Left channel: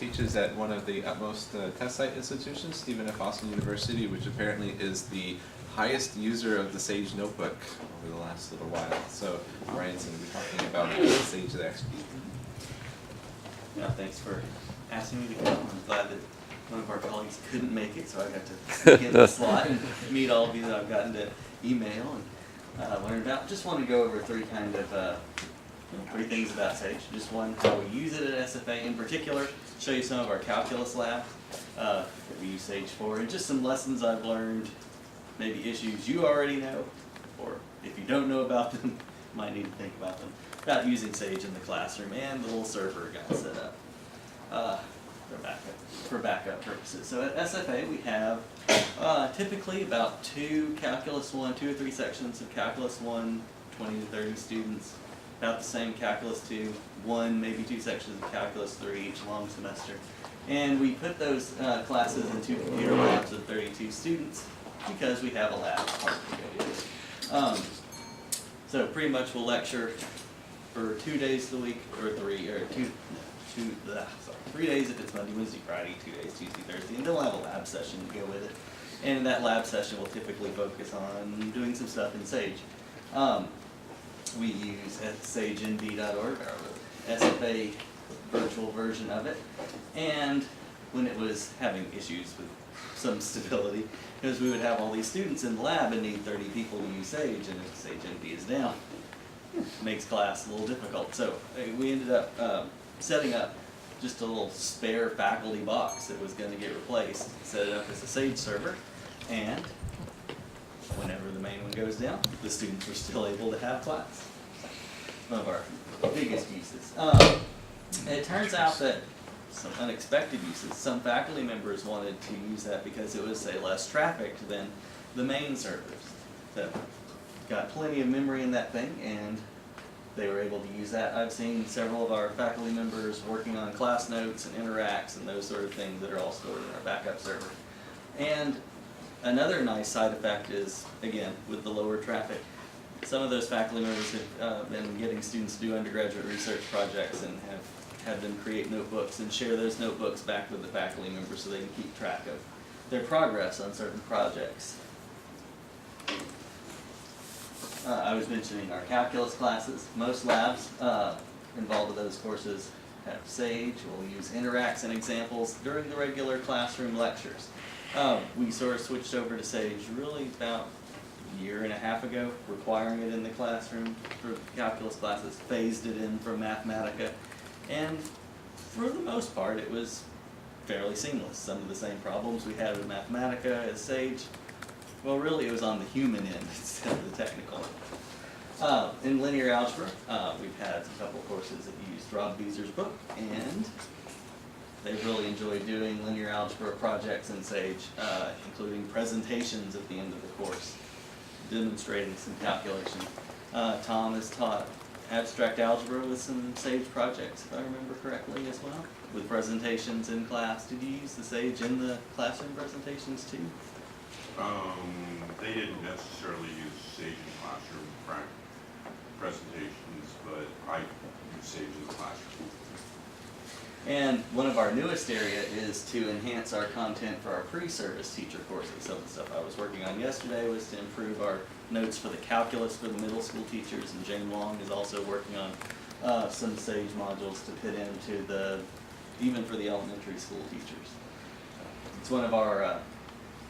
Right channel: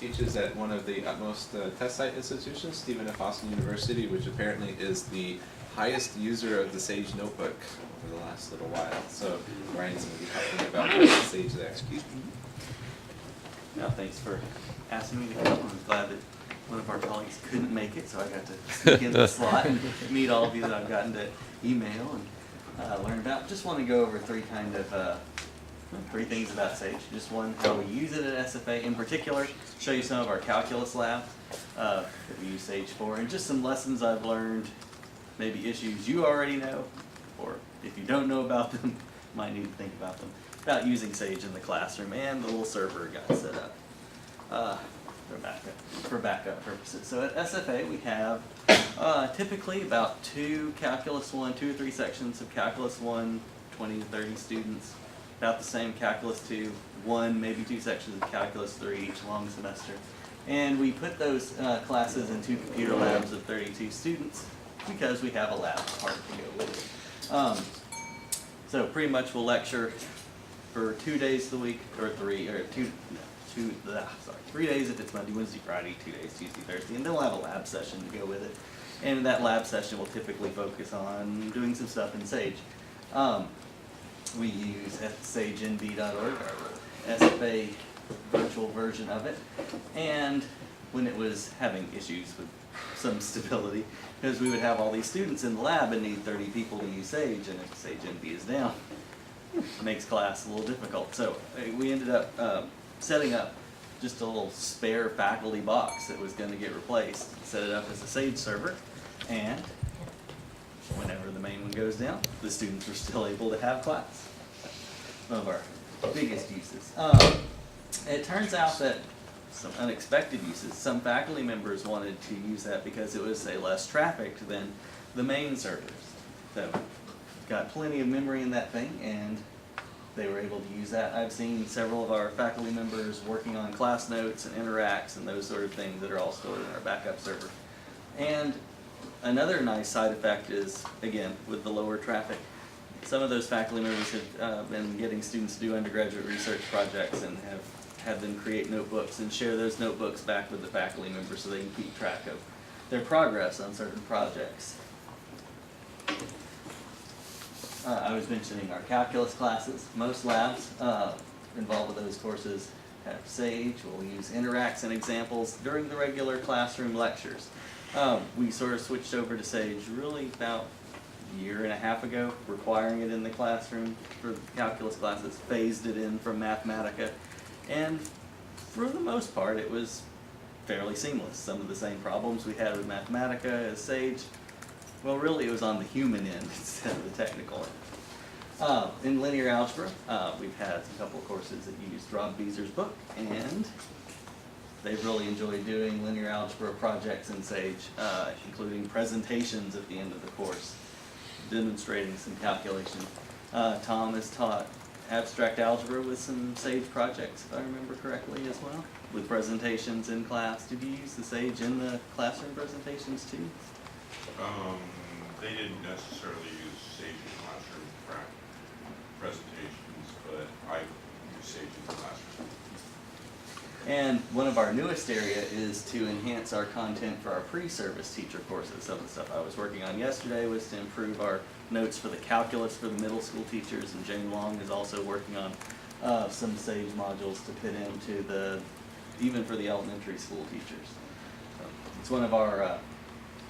teaches at one of the utmost test site institutions, Stephen F. Austin University, which apparently is the highest user of the Sage notebook over the last little while. So Ryan's going to be talking about the Sage that execute. Yeah, thanks for asking me to come. I'm glad that one of our colleagues couldn't make it, so I got to sneak in the slot and meet all of you that I've gotten to email and learn about. Just want to go over three things about Sage. Just one, how we use it at SFA in particular, show you some of our calculus labs that we use Sage for, and just some lessons I've learned, maybe issues you already know, or if you don't know about them, might need to think about them, about using Sage in the classroom and the little server it got set up for backup purposes. So at SFA we have typically about two or three sections of Calculus 1, 20 to 30 students, about the same Calculus 2, one, maybe two sections of Calculus 3 each long semester. And we put those classes in two computer labs of 32 students because we have a lab part to go with it. So pretty much we'll lecture for 2 days of the week, or 3 days if it's Monday, Wednesday, Friday, 2 days, Tuesday, Thursday, and then we'll have a lab session to go with it. And in that lab session we'll typically focus on doing some stuff in Sage. We use sagenv.org, our SFA virtual version of it, and when it was having issues with some stability, because we would have all these students in the lab and need 30 people to use Sage, and if sagenv is down, it makes class a little difficult. So we ended up setting up just a little spare faculty box that was going to get replaced, set it up as a Sage server, and whenever the main one goes down, the students are still able to have class. One of our biggest uses. It turns out that some unexpected uses, some faculty members wanted to use that because it was, say, less trafficked than the main servers. So got plenty of memory in that thing, and they were able to use that. I've seen several of our faculty members working on class notes and interacts and those sort of things that are all stored in our backup server. And another nice side effect is, again, with the lower traffic, some of those faculty members have been getting students to do undergraduate research projects and have had them create notebooks and share those notebooks back with the faculty members so they can keep track of their progress on certain projects. I was mentioning our calculus classes. Most labs involved with those courses have Sage. We'll use interacts and examples during the regular classroom lectures. We sort of switched over to Sage really about a year and a half ago, requiring it in the classroom for calculus classes, phased it in from Mathematica, and for the most part it was fairly seamless. Some of the same problems we had with Mathematica as Sage, well, really it was on the human end instead of the technical end. In linear algebra, we've had a couple of courses that used Rob Beezer's book, and they've really enjoyed doing linear algebra projects in Sage, including presentations at the end of the course, demonstrating some calculation. Tom has taught abstract algebra with some Sage projects, if I remember correctly, as well, with presentations in class. Did you use the Sage in the classroom presentations too? They didn't necessarily use Sage in classroom presentations, but I use Sage in the classroom. And one of our newest area is to enhance our content for our pre-service teacher courses. Some of the stuff I was working on yesterday was to improve our notes for the calculus for the middle school teachers, and Jane Long is also working on some Sage modules to put into even for the elementary school teachers. So it's one of our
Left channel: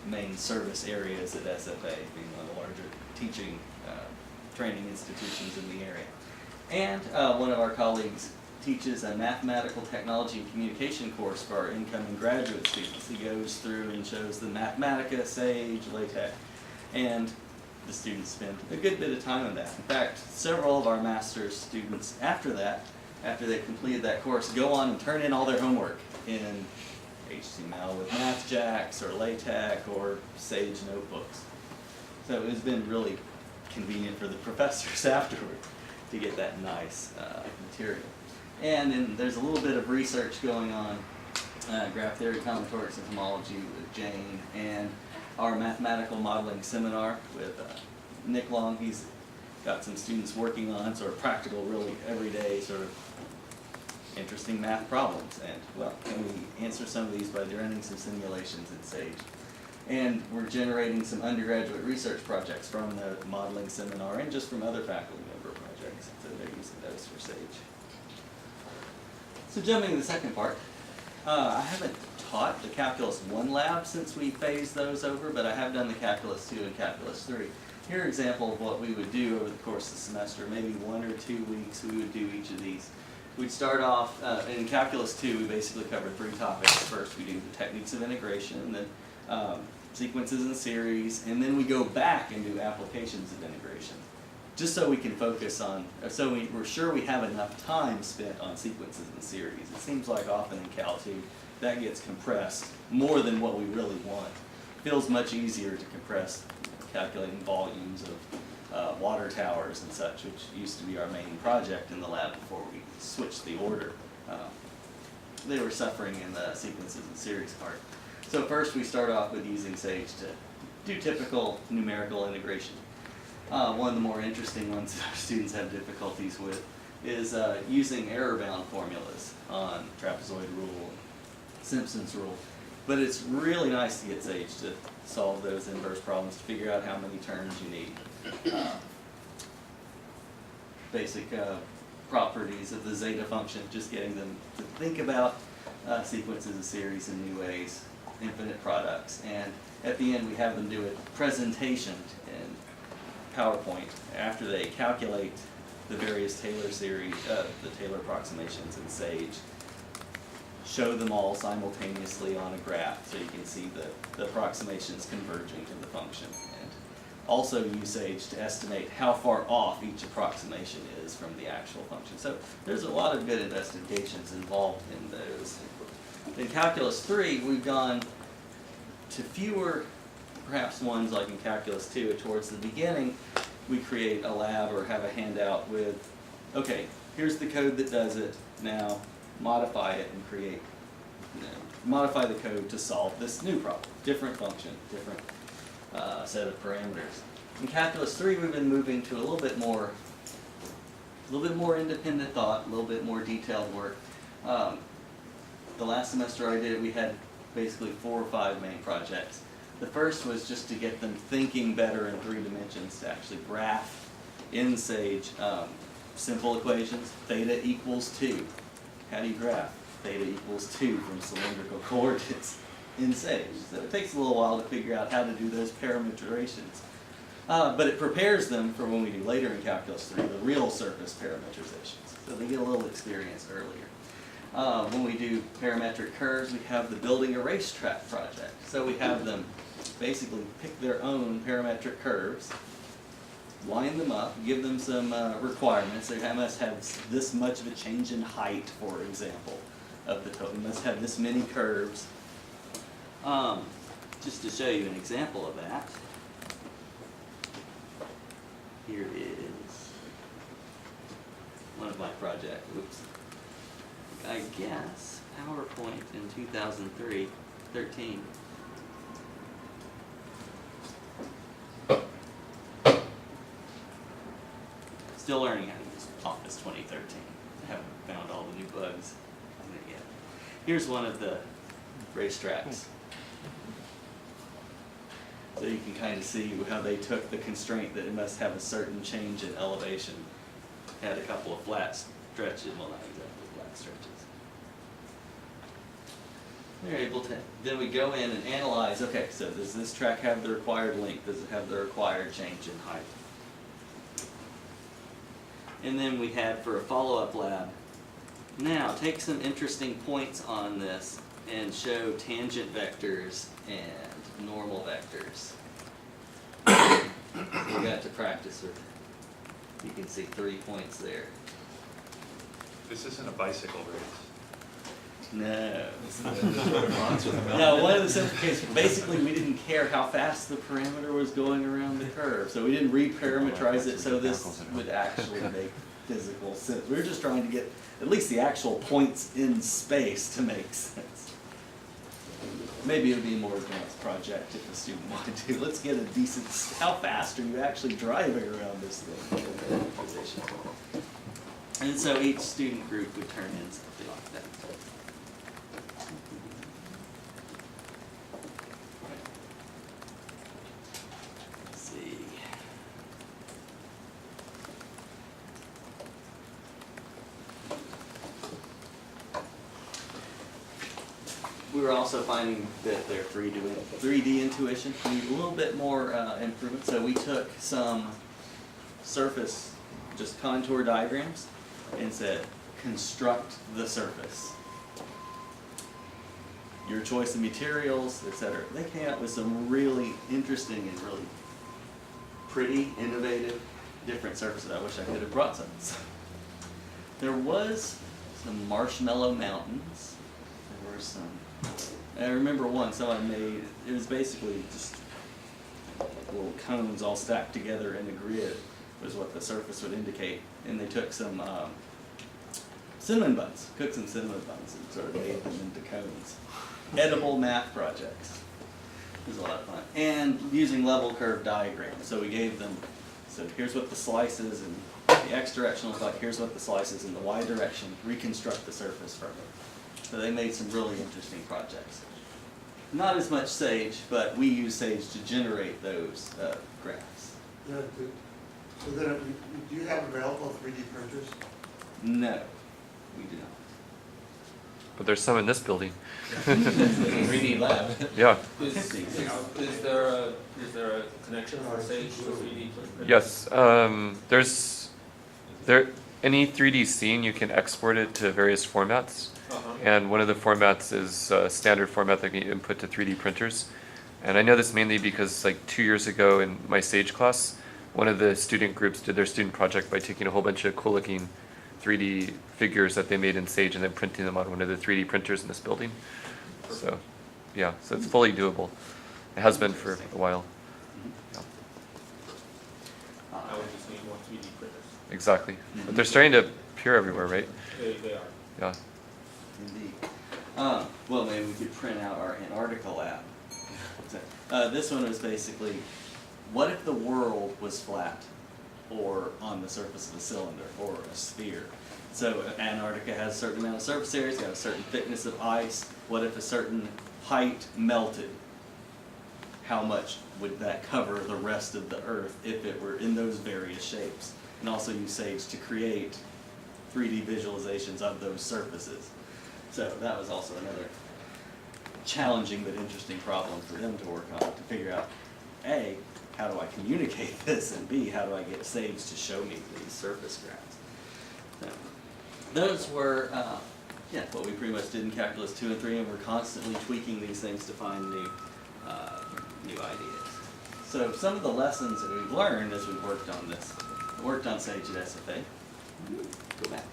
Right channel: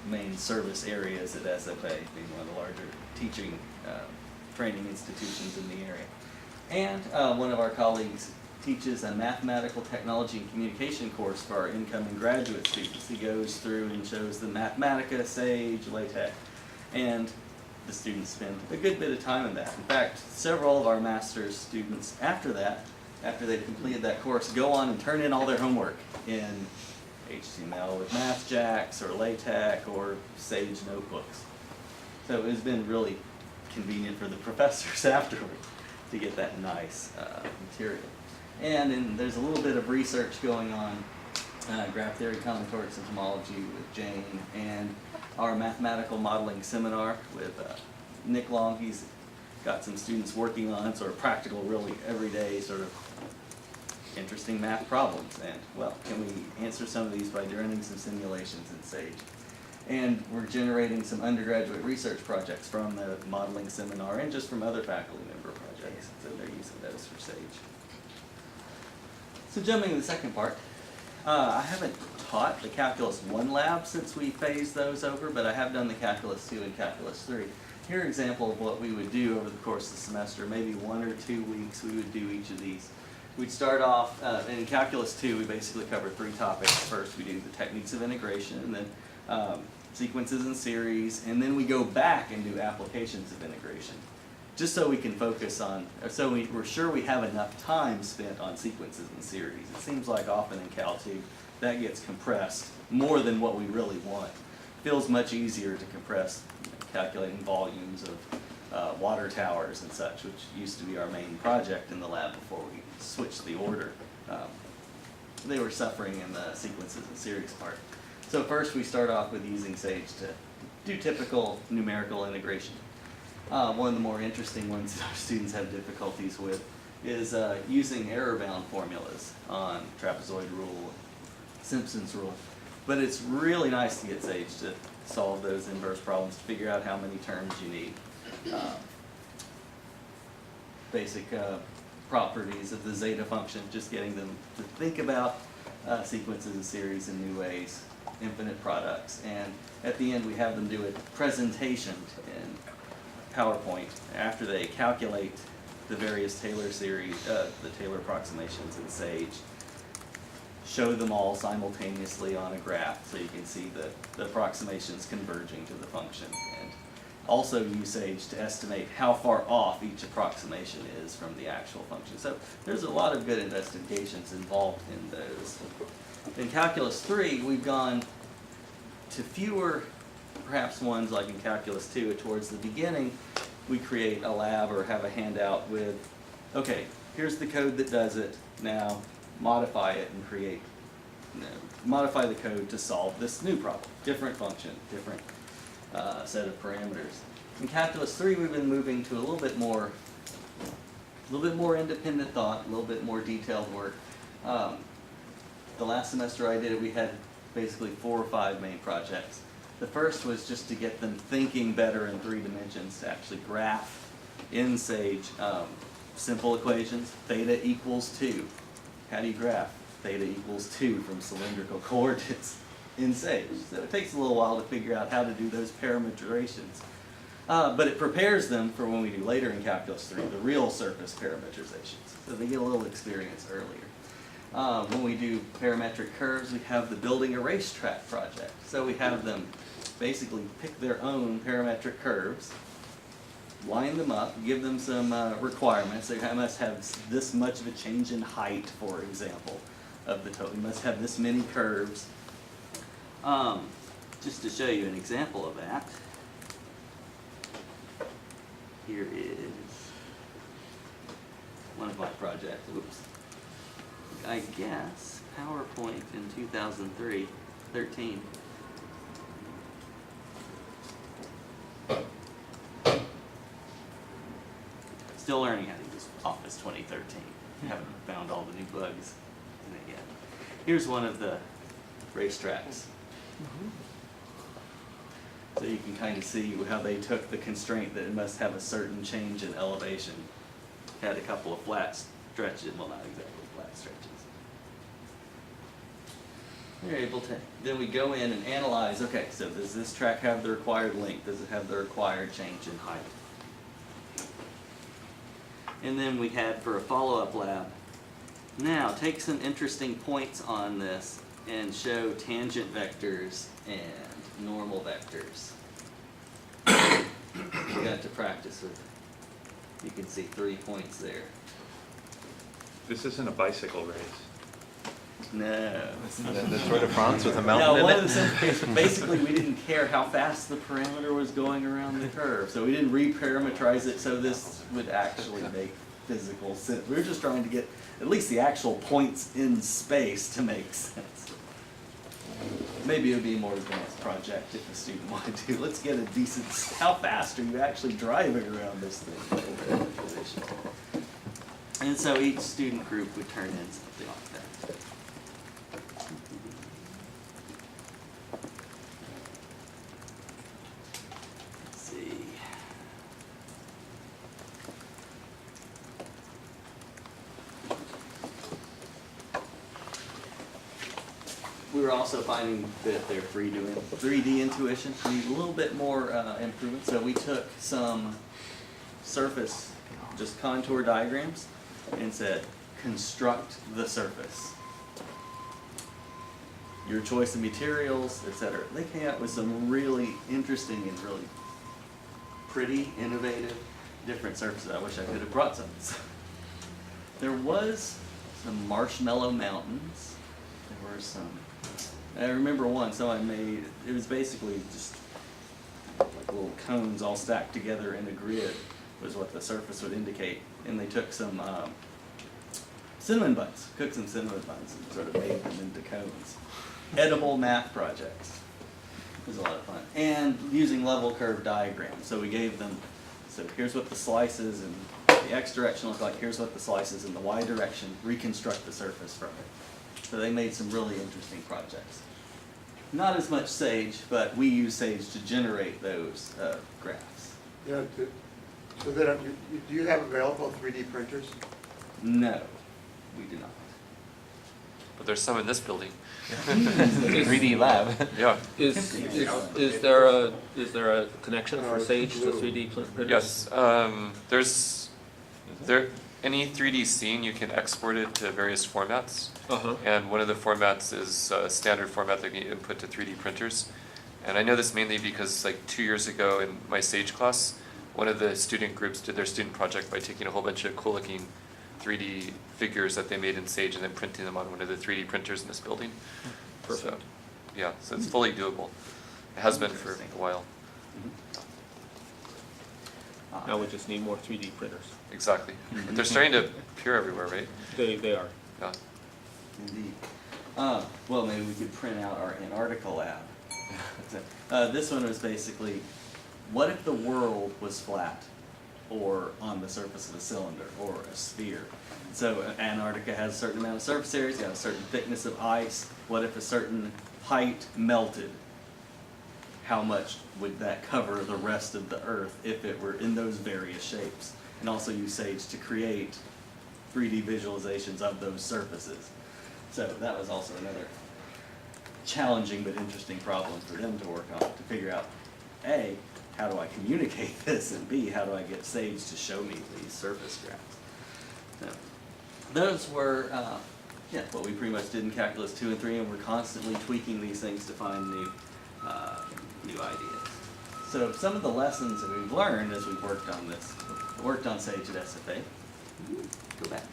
main service areas at SFA, being one of the larger teaching training institutions in the area. And one of our colleagues teaches a mathematical technology and communication course for our incoming graduate students. He goes through and shows them Mathematica, Sage, LaTeX, and the students spend a good bit of time in that. In fact, several of our master's students after they've completed that course, go on and turn in all their homework in HTML with MathJax or LaTeX or Sage notebooks. So it's been really convenient for the professors afterward to get that nice material. And then there's a little bit of research going on, graph theory, combinatorics, and homology with Jane, and our mathematical modeling seminar with Nick Long. He's got some students working on sort of practical, really everyday sort of interesting math problems. And, well, can we answer some of these by running some simulations in Sage? And we're generating some undergraduate research projects from the modeling seminar and just from other faculty member projects. So they're using those for Sage. So jumping to the second part, I haven't taught the Calculus 1 lab since we phased those over, but I have done the Calculus 2 and Calculus 3. Here are an example of what we would do over the course of the semester. Maybe 1 or 2 weeks we would do each of these. We'd start off, in Calculus 2 we basically cover 3 topics. First we do the techniques of integration, and then sequences and series, and then we go back and do applications of integration. Just so we can focus on, so we're sure we have enough time spent on sequences and series. It seems like often in Cal 2 that gets compressed more than what we really want. Feels much easier to compress calculating volumes of water towers and such, which used to be our main project in the lab before we switched the order. They were suffering in the sequences and series part. So first we start off with using Sage to do typical numerical integration. One of the more interesting ones that our students have difficulties with is using error-bound formulas on trapezoid rule, Simpson's rule. But it's really nice to get Sage to solve those inverse problems, to figure out how many terms you need. Basic properties of the zeta function, just getting them to think about sequences and series in new ways, infinite products. And at the end we have them do a presentation in PowerPoint after they calculate the various Taylor series, the Taylor approximations in Sage. Show them all simultaneously on a graph so you can see the approximations converging to the function. And also use Sage to estimate how far off each approximation is from the actual function. So there's a lot of good investigations involved in those. In Calculus 3, we've gone to fewer, perhaps ones like in Calculus 2, towards the beginning, we create a lab or have a handout with, okay, here's the code that does it, now modify it and create, modify the code to solve this new problem. Different function, different set of parameters. In Calculus 3, we've been moving to a little bit more independent thought, a little bit more detailed work. The last semester I did it, we had basically 4 or 5 main projects. The first was just to get them thinking better in 3 dimensions, to actually graph in Sage simple equations. Theta equals 2. How do you graph theta equals 2 from cylindrical coordinates in Sage? So it takes a little while to figure out how to do those parameterizations. But it prepares them for when we do later in Calculus 3, the real surface parameterizations. So they get a little experience earlier. When we do parametric curves, we have the building a racetrack project. So we have them basically pick their own parametric curves, line them up, give them some requirements. They must have this much of a change in height, for example, of the total. You must have this many curves. Just to show you an example of that, here is one of my projects. Whoops. I guess PowerPoint in 2013. Still learning how to use Office 2013. Haven't found all the new bugs in it yet. Here's one of the racetracks. So you can kind of see how they took the constraint that it must have a certain change in elevation. Had a couple of flat stretches, well, not exactly flat stretches. They're able to, then we go in and analyze, okay, so does this track have the required length? Does it have the required change in height? And then we had for a follow-up lab, now take some interesting points on this and show tangent vectors and normal vectors. We got to practice with, you can see 3 points there. This isn't a bicycle race. No. The Tour de France with a mountain No, in one it? of the simplifications, basically we didn't care how fast the parameter was going around the curve, so we didn't reparameterize it so this would actually make physical sense. We were just trying to get at least the actual points in space to make sense. Maybe it would be a more advanced project if a student wanted to. Let's get a decent, how fast are you actually driving around this thing? And so each student group would turn in something like that. Let's see. We were also finding that their 3D intuition need a little bit more improvement. So we took some surface, just contour diagrams, and said, construct the surface. Your choice of materials, etc. They came up with some really interesting and really pretty, innovative, different surfaces. I wish I could have brought some. There was some marshmallow mountains. There were some, I remember one someone made, it was basically just like little cones all stacked together in a grid was what the surface would indicate. And they took some cinnamon buns, cooked some cinnamon buns and sort of made them into cones. Edible math projects. It was a lot of fun. And using level curve diagrams. So we gave them, so here's what the slices in the X direction look like, here's what the slices in the Y direction, reconstruct the surface from it. So they made some really interesting projects. Not as much Sage, but we use Sage to generate those graphs. Yeah, so then, do you have available 3D printers? No, we do not. But there's some in this building. 3D lab. Yeah. Is there a connection for Sage to 3D printers? Yes. Any 3D scene you can export it to various formats, and one of the formats is a standard format that can be input to 3D printers. And I know this mainly because like 2 years ago in my Sage class, one of the student groups did their student project by taking a whole bunch of cool looking 3D figures that they made in Sage and then printing them on one of the 3D printers in this building. So, yeah, so it's fully doable. It has been for a while. Now we just need more 3D printers. Exactly. But they're starting to appear everywhere, right? They are. Yeah. Indeed. Well, maybe we could print out our Antarctica lab. This one was basically, what if the world was flat or on the surface of a cylinder or a sphere? So Antarctica has a certain amount of surface area, it's got a certain thickness of ice. What if a certain height melted? How much would that cover the rest of the Earth if it were in those various shapes? And also use Sage to create 3D visualizations of those surfaces. So that was also another challenging but interesting problem for them to work on, to figure out, A, how do I communicate this, and B, how do I get Sage to show me these surface graphs? So, those were what we pretty much did in Calculus 2 and 3, and we're constantly tweaking these things to find new ideas. So some of the lessons that we've learned as we've worked on this, worked on Sage at SFA. Go back.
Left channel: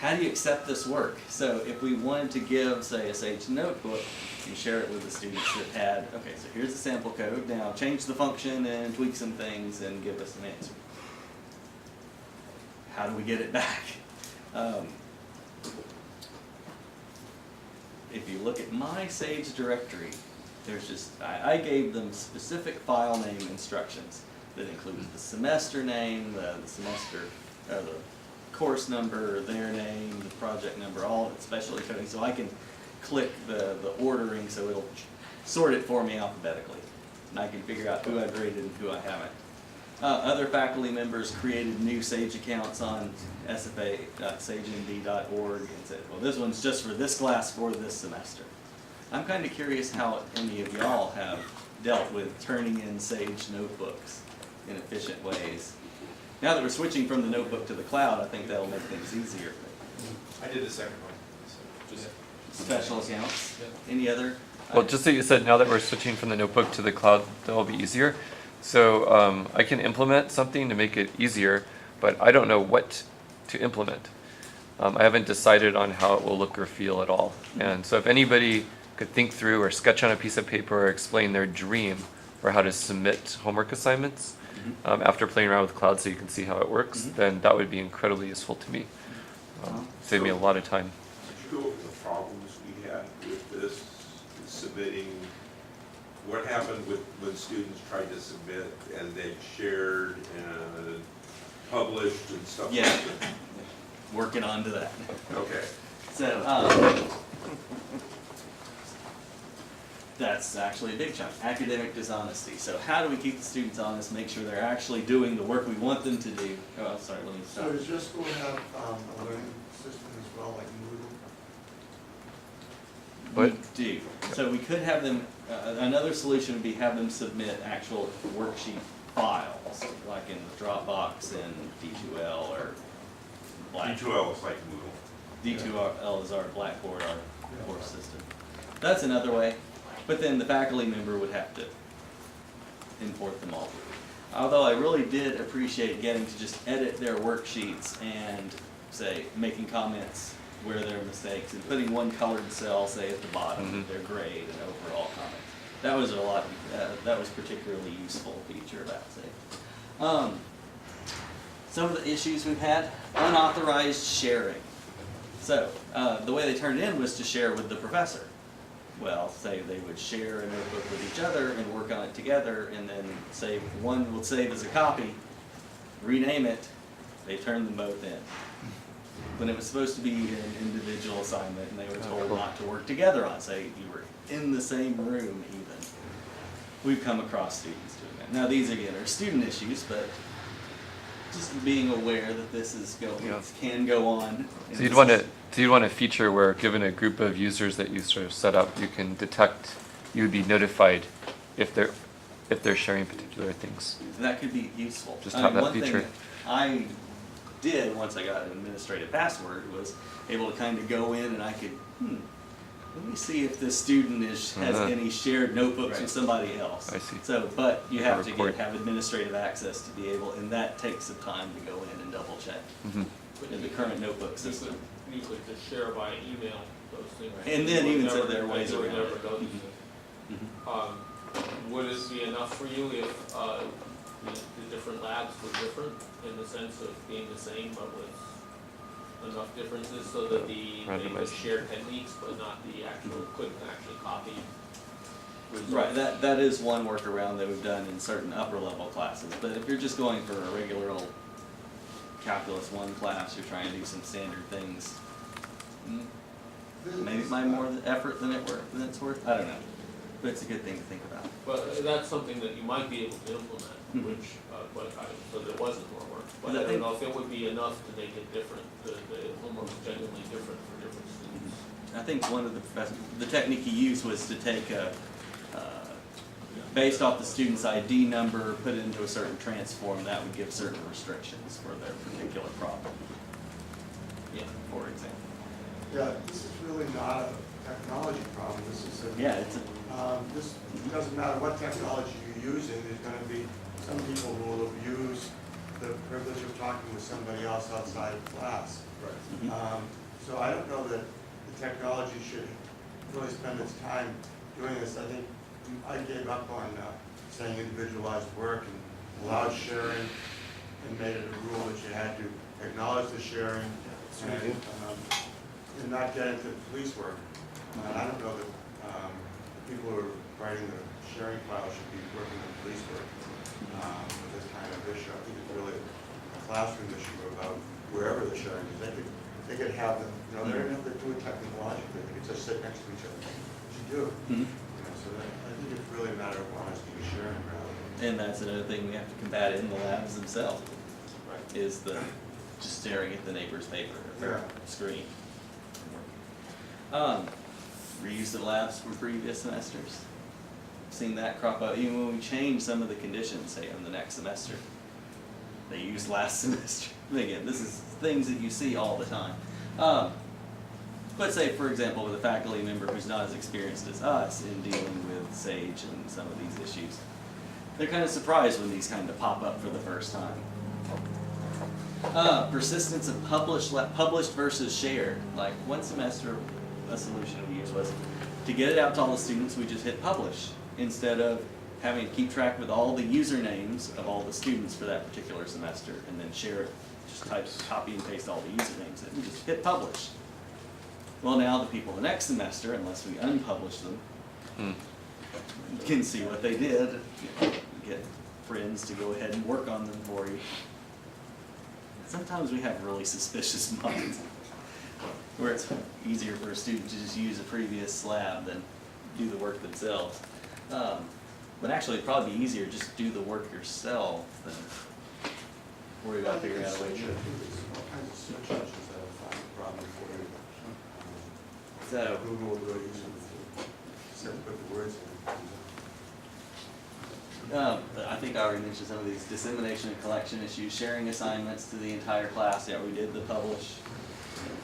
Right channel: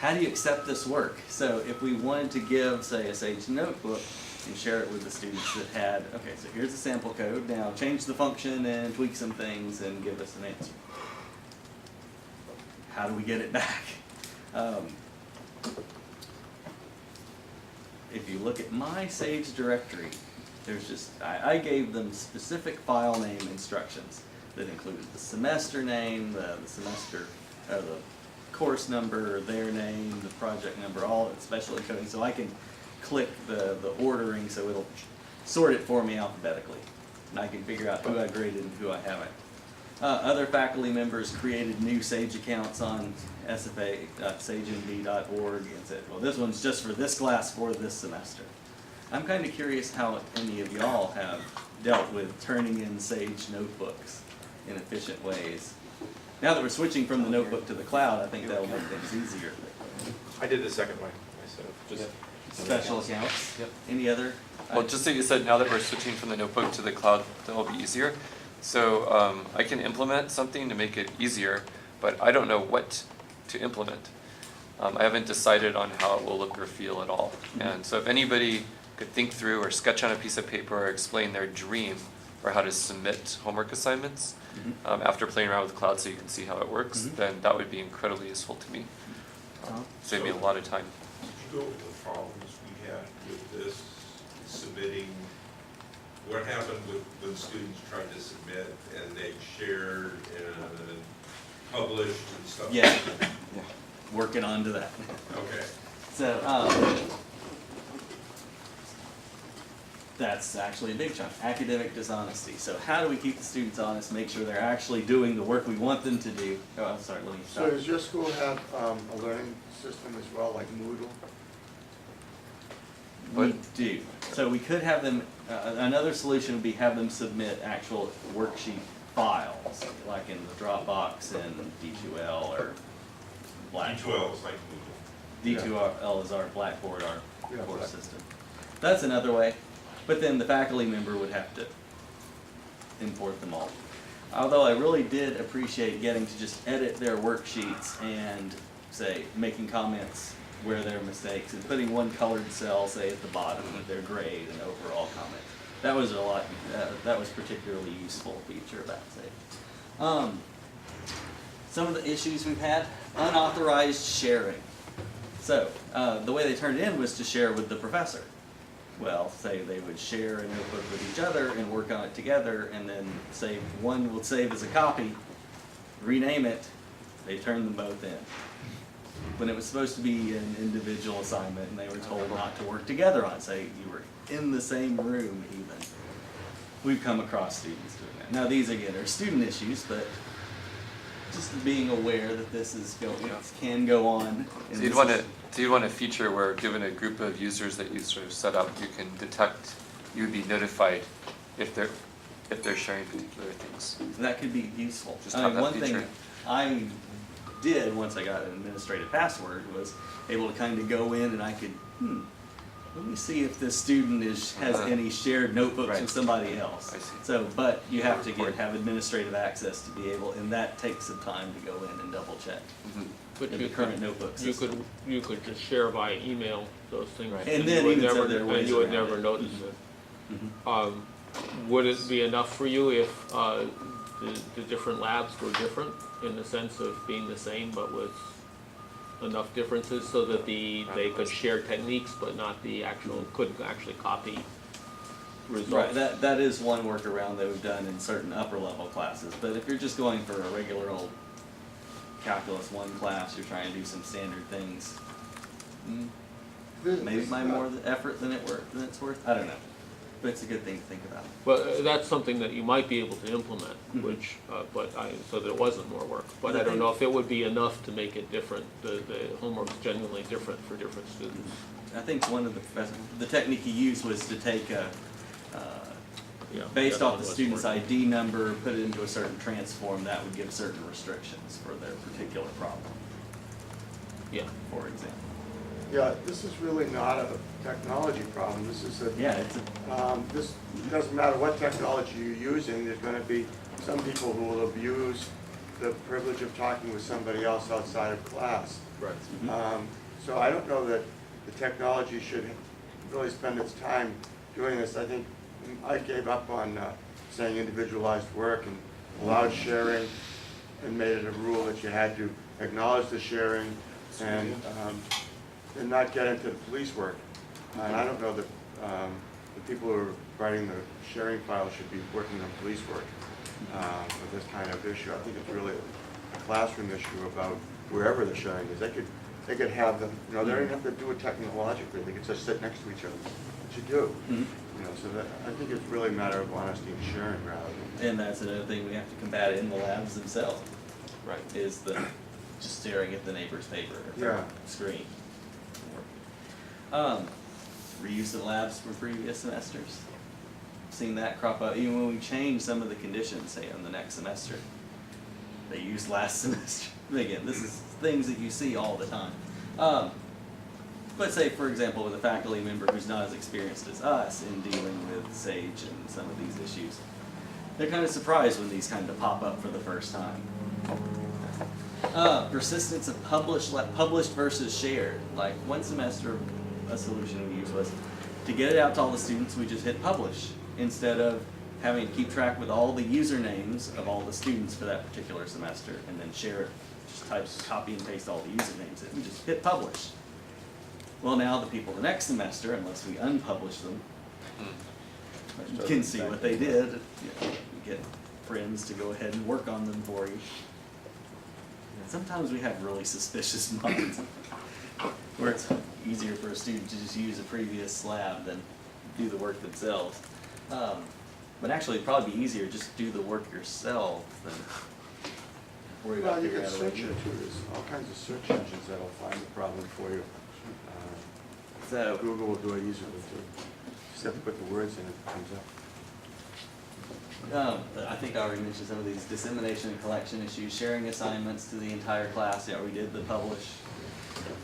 How do you accept this work? So if we wanted to give, say, a Sage notebook and share it with the students that had, okay, so here's the sample code, now change the function and tweak some things and give us an answer. How do we get it back? If you look at my Sage directory, there's just, I gave them specific file name instructions that included the semester name, the semester, the course number, their name, the project number, all specially coding, so I can click the ordering so it'll sort it for me alphabetically. And I can figure out who I graded and who I haven't. Other faculty members created new Sage accounts on sfa.sagenb.org and said, well, this one's just for this class for this semester. I'm kind of curious how any of y'all have dealt with turning in Sage notebooks in efficient ways. Now that we're switching from the notebook to the cloud, I think that'll make things easier. I did the second one myself. Just Special accounts? Yep. Any other? Well, just that you said now that we're switching from the notebook to the cloud, that'll be easier. So I can implement something to make it easier, but I don't know what to implement. I haven't decided on how it will look or feel at all. And so if anybody could think through or sketch on a piece of paper or explain their dream for how to submit homework assignments after playing around with cloud so you can see how it works, then that would be incredibly useful to me. Save me a lot of time. Did you go over the problems we had with this, submitting? What happened with when students tried to submit and they shared published and stuff like Yeah. that? Working on to that. Okay. So, that's actually a big chunk, academic dishonesty. So how do we keep the students honest, make sure they're actually doing the work we want them to do? Oh, I'm sorry, let me So stop. does your school have a learning system as well, like Moodle? We do. So we could have them, another solution would be have them submit actual worksheet files, like in the Dropbox and D2L or Blackboard. D12 is like Google. D2L is our Blackboard, our Yeah. course system. That's another way, but then the faculty member would have to import them all. Although I really did appreciate getting to just edit their worksheets and say, making comments where there are mistakes and putting one colored cell, say at the bottom, with their grade and overall comment. That was a lot, that was particularly useful feature about say. Some of the issues we've had, unauthorized sharing. So, the way they turned it in was to share with the professor. Well, say they would share a notebook with each other and work on it together, and then say one would save as a copy, rename it, they turned them both in. When it was supposed to be an individual assignment, and they were told not to work together on it, say you were in the same room even. We've come across students doing that. Now these again are student issues, but just being aware that this is can go on. So and you'd this want is- a feature where, given a group of users that you sort of set up, you can detect, you would be notified if they're sharing particular things. That could be useful. Just I have mean, that one thing feature. I did once I got an administrative password was able to kind of go in and I could, let me see if this student has any shared notebooks Right. with somebody else. I see. So, but you have to again have administrative access to be able, and that takes some time to go in and double check But in you the current could- notebook system. You could just share by email those things. Right. And then You would even so never- there are ways you would around never it. notice Mhm. it. Would it be enough for you if the different labs were different in the sense of being the same but with enough differences so that they could share techniques but not the actual, couldn't actually copy results? Right, that is one workaround that we've done in certain upper level classes, but if you're just going for a regular old calculus 1 class, you're trying to do some standard things, maybe it might more effort than it's worth, I don't know, but it's a good thing to think about. But that's something that you might be able to implement, Mhm. which, so that it wasn't more work. But But I I don't think- know if it would be enough to make it different, the homework's genuinely different for different students. I think one of the technique he used was to take Yeah, based that's off the what student's it's ID number, put it into a certain transform, that would give certain restrictions for their particular problem, for. Yeah. for example. Yeah, this is really not a technology problem, this is a. Yeah, it's a, This, it doesn't matter what technology you're using, there's gonna be some people who will abuse the privilege of talking with somebody else outside of class. Right. mhm. So I don't know that the technology should really spend its time doing this. I think I gave up on saying individualized work and allowed sharing and made it a rule that you had to acknowledge the sharing and not get into police work. And I don't know that the people who are writing the sharing file should be working on police work with this kind of issue. I think it's really a classroom issue about wherever the sharing is. They could have them, they don't even have to do it technologically, they could just sit next to each other, which you do. Mhm. So that, I think it's really a matter of honesty and sharing rather than. And that's another thing we have to combat in the labs themselves, Right. is the just staring at the neighbor's paper or Yeah. screen and working. Reuse of labs from previous semesters. Seen that crop up, even when we change some of the conditions, say on the next semester. They used last semester. Again, this is things that you see all the time. But say, for example, with a faculty member who's not as experienced as us in dealing with SAGE and some of these issues, they're kind of surprised when these kind of pop up for the first time. Persistence of published versus shared. Like one semester, a solution we used was to get it out to all the students, we just hit publish instead of having to keep track with all the usernames of all the students for that particular semester and then share it, just copy and paste all the usernames in. We just hit publish. Well, now the people the next semester, unless we unpublish them, can see what they did. You get friends to go ahead and work on them for you. sometimes we have really suspicious minds, where it's easier for a student to just use a previous lab than do the work themselves. But actually, it'd probably be easier just to do the work yourself than worry about figuring out a way to do it. There's all kinds of search engines that'll find the problem for you. So, Google will do it easily too. Just have to put the words in, it comes up. I think I already mentioned some of these dissemination and collection issues, sharing assignments to the entire class. Yeah, we did the publish.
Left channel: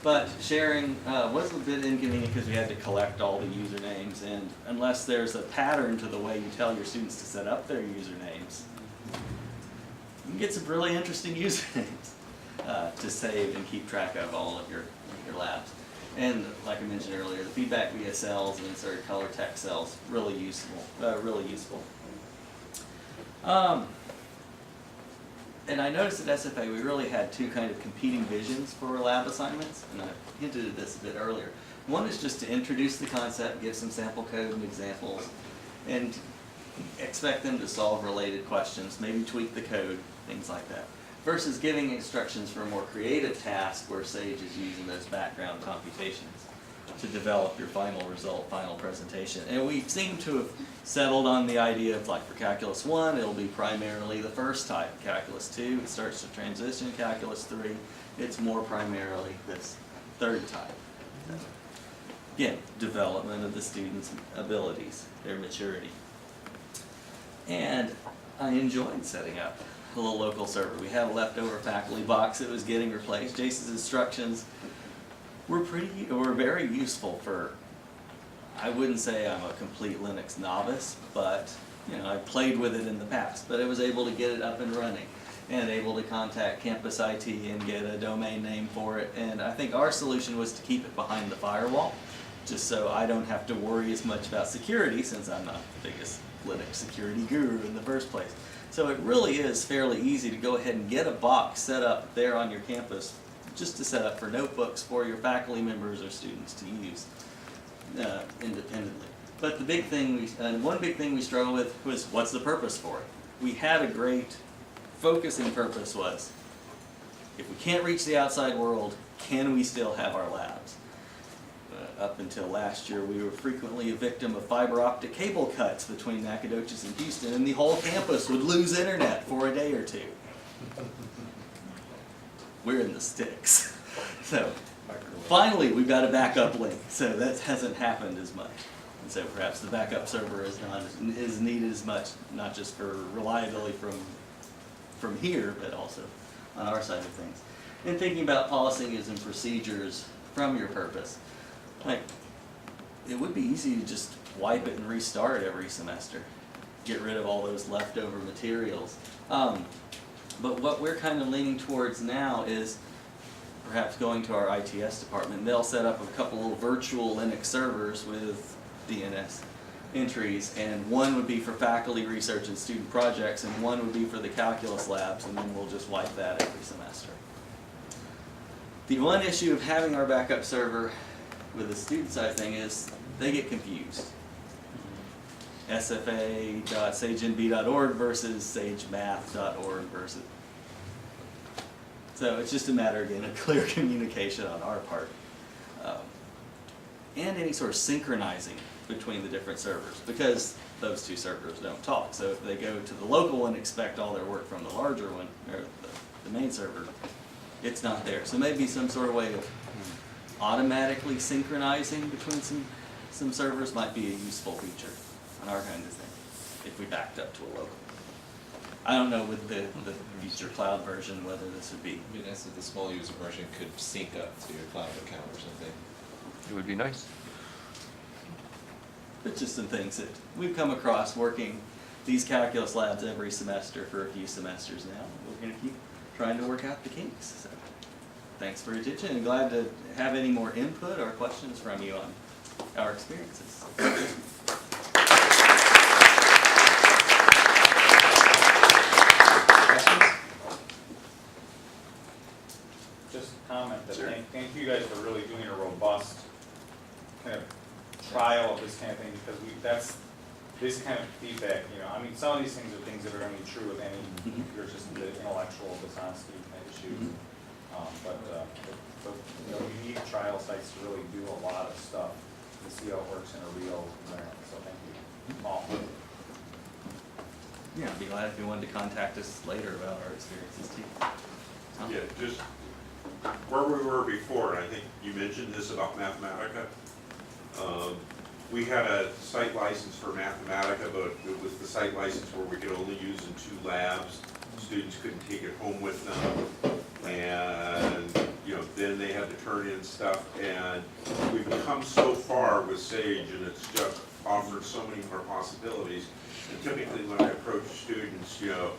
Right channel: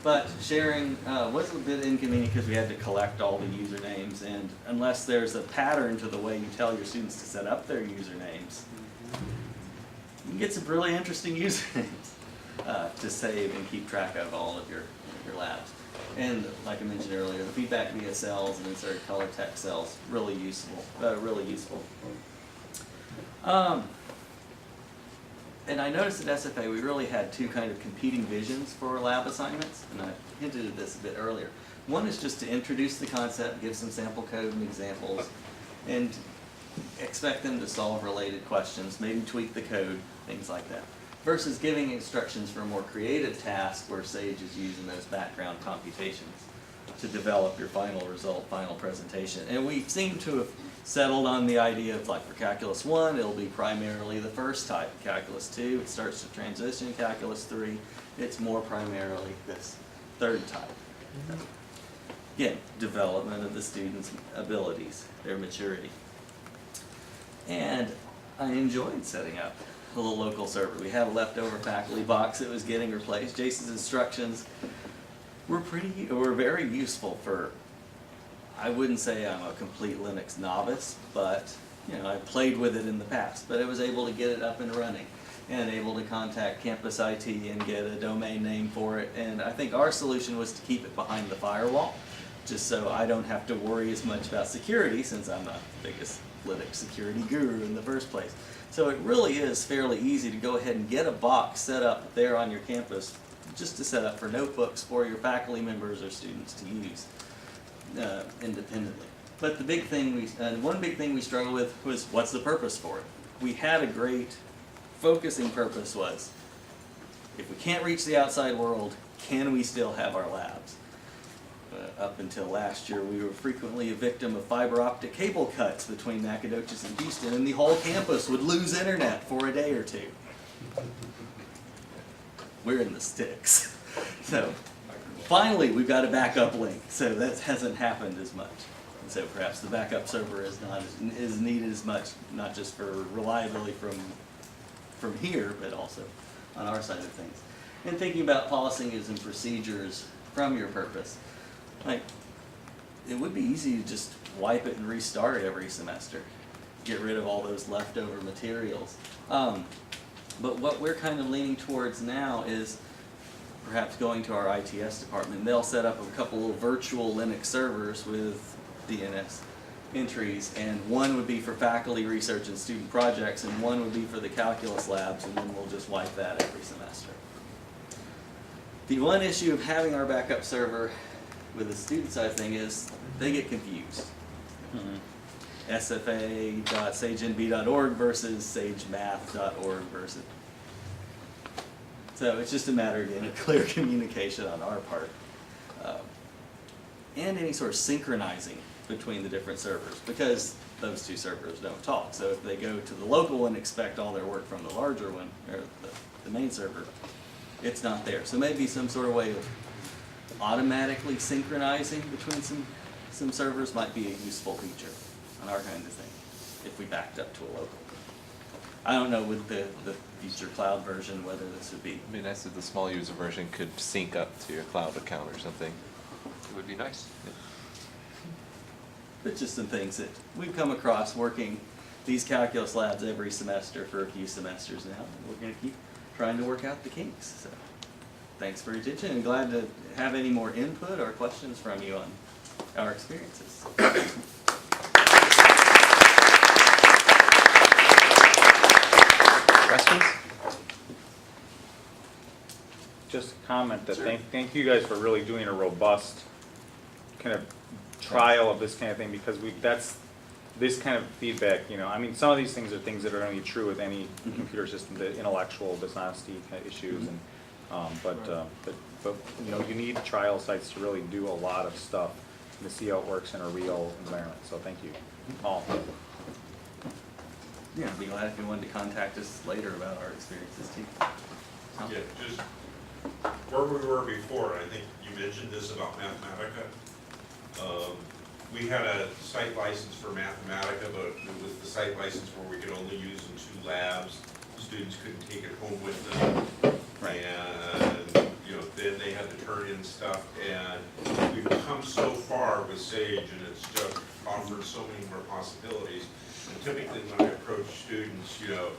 But sharing was a bit inconvenient because we had to collect all the usernames, and unless there's a pattern to the way you tell your students to set up their usernames, you can get some really interesting usernames to save and keep track of all of your labs. And like I mentioned earlier, the feedback via cells and inserted color text cells, really useful, really useful. And I noticed at SFA we really had two kind of competing visions for lab assignments, and I hinted at this a bit earlier. One is just to introduce the concept, give some sample code and examples, and expect them to solve related questions, maybe tweak the code, things like that. Versus giving instructions for a more creative task where Sage is using those background computations to develop your final result, final presentation. And we seem to have settled on the idea of, like, for Calculus 1, it'll be primarily the first type. Calculus 2, it starts to transition. Calculus 3, it's more primarily this third type. Again, development of the students' abilities, their maturity. And I enjoyed setting up a little local server. We had a leftover faculty box that was getting replaced. Jason's instructions were very useful for, I wouldn't say I'm a complete Linux novice, but I played with it in the past. But I was able to get it up and running and able to contact campus IT and get a domain name for it. And I think our solution was to keep it behind the firewall, just so I don't have to worry as much about security, since I'm not the biggest Linux security guru in the first place. So it really is fairly easy to go ahead and get a box set up there on your campus, just to set up for notebooks for your faculty members or students to use independently. But the big thing one big thing we struggled with was, what's the purpose for it? We had a great focusing purpose was, if we can't reach the outside world, can we still have our labs? Up until last year, we were frequently a victim of fiber optic cable cuts between Nacogdoches and Houston, and the whole campus would lose internet for a day or two. We're in the sticks. So finally, we've got a backup link, so that hasn't happened as much. And so perhaps the backup server is not as needed as much, not just for reliability from here, but also on our side of things. And thinking about policies and procedures from your purpose. Like, it would be easy to just wipe it and restart every semester. Get rid of all those leftover materials. But what we're kind of leaning towards now is perhaps going to our ITS department. They'll set up a couple little virtual Linux servers with DNS entries, and one would be for faculty research and student projects, and one would be for the calculus labs, and then we'll just wipe that every semester. The one issue of having our backup server with the student side thing is they get confused. sfa.sagenb.org versus sagemath.org versus. So it's just a matter, again, of clear communication on our part. And any sort of synchronizing between the different servers, because those two servers don't talk. So if they go to the local one, expect all their work from the larger one, or the main server, it's not there. So maybe some sort of way of automatically synchronizing between some servers might be a useful feature on our kind of thing, if we backed up to a local. I don't know with the future cloud version whether this would be. It'd be nice if the small user version could sync up to your cloud account or something. It would be nice. But just some things that we've come across working these calculus labs every semester for a few semesters now. We're going to keep trying to work out the kinks. So thanks for your attention, and glad to have any more input or questions from you on our experiences. Questions? Just comment that Sure. thank you guys for really doing a robust kind of trial of this kind of thing, because this kind of feedback, I mean, some of these things are things that are only true with any computer system, the intellectual dishonesty kind of issues. But, you know, you need trial sites to really do a lot of stuff to see how it works in a real environment, so thank you all. Yeah, I'd be glad if you wanted to contact us later about our experiences too. Tom? Yeah, just where we were before, I think you mentioned this about Mathematica. We had a site license for Mathematica, but it was the site license where we could only use in 2 labs. Students couldn't take it home with them. And, you know, then they had to turn in stuff. And we've come so far with Sage, and it's just offered so many more possibilities. And typically when I approach students, you know,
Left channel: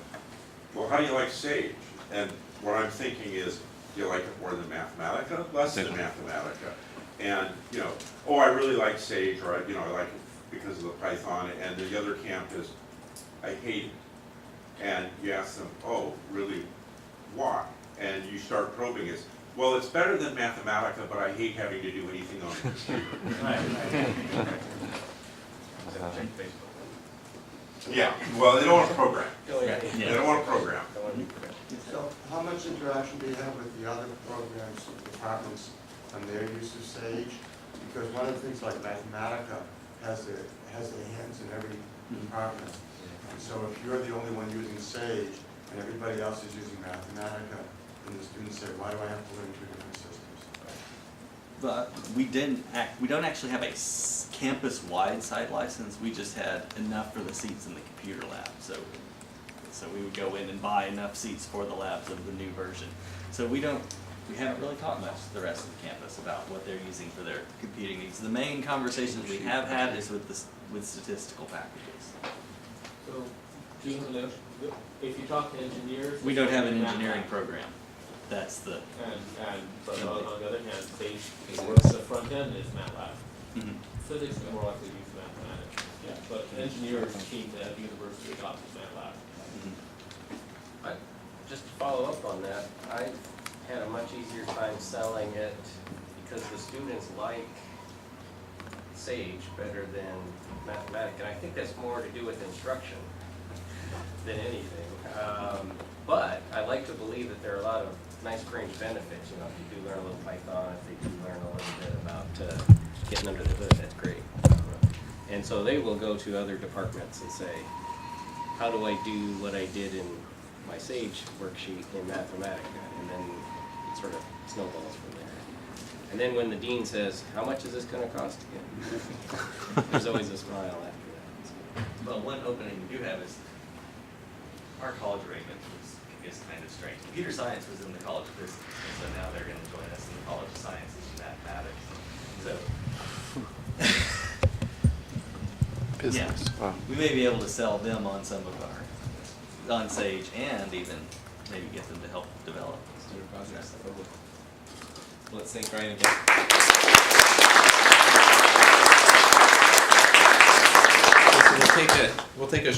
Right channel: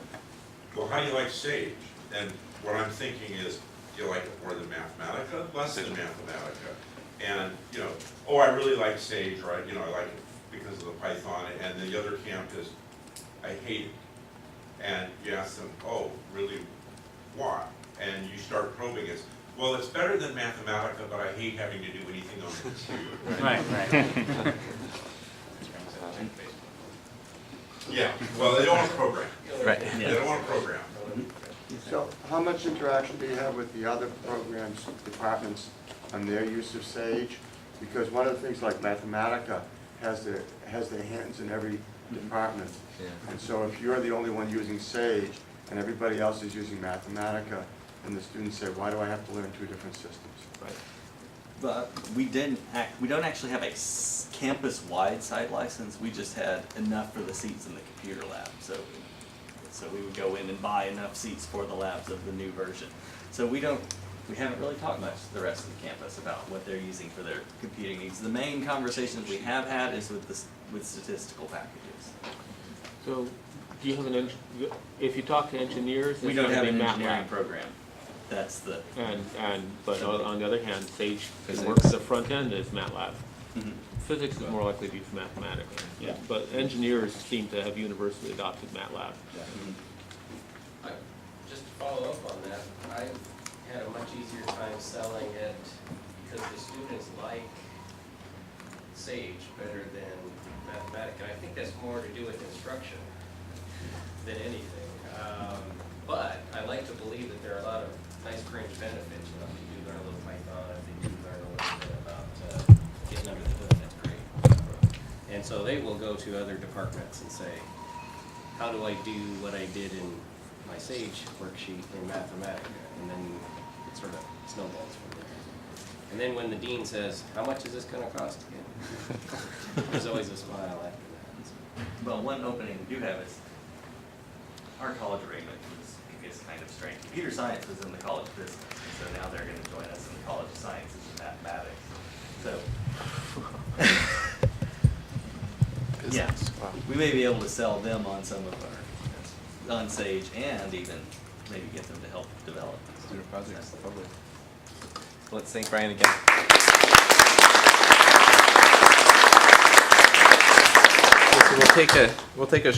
well, how do you like Sage? And what I'm thinking is, do you like it more than Mathematica? Less than Mathematica. And, you know, oh, I really like Sage, right? You know, I like it because of the Python. And the other camp is, I hate it. And you ask them, oh, really, why? And you start probing it. Well, it's better than Mathematica, but I hate having to do anything on the computer. Right. Yeah, well, they don't want to program. Right, They yeah. don't want to program. So how much interaction do you have with the other programs, departments, on their use of Sage? Because one of the things like Mathematica has their hands in every department. And so if you're the only one using Sage and everybody else is using Mathematica, then the students say, why do I have to learn 2 different systems? But we don't actually have a campus-wide site license. We just had enough for the seats in the computer lab. So we would go in and buy enough seats for the labs of the new version. So we haven't really talked much to the rest of the campus about what they're using for their computing needs. The main conversations we have had is with statistical packages. So, do you have if you talk to engineers? We it's don't gonna have be an MATLAB. engineering program. That's the. But on the other hand, Sage Physics. works, the front end is MATLAB. Mhm. Physics is more likely to be mathematics. Yeah. But engineers seem to have universally adopted MATLAB. Mhm. Just to follow up on that, I had a much easier time selling it because the students like Sage better than Mathematica. And I think that's more to do with instruction than anything. But I like to believe that there are a lot of nice fringe benefits. You know, if you do learn a little Python, if you do learn a little bit about getting under the hood, that's great. And so they will go to other departments and say, how do I do what I did in my Sage worksheet in Mathematica? And then it sort of snowballs from there. And then when the dean says, how much is this going to cost again? There's always a smile after that. So. Well, one opening we do have is our college regulation is kind of strange. Computer science was in the College of Physics, so now they're going to join us in the College of Sciences and Mathematics. So, yeah, we may be able to sell them on some of on Sage and even maybe get them to help develop Student projects, probably. Let's thank Brian again. Okay, so we'll take a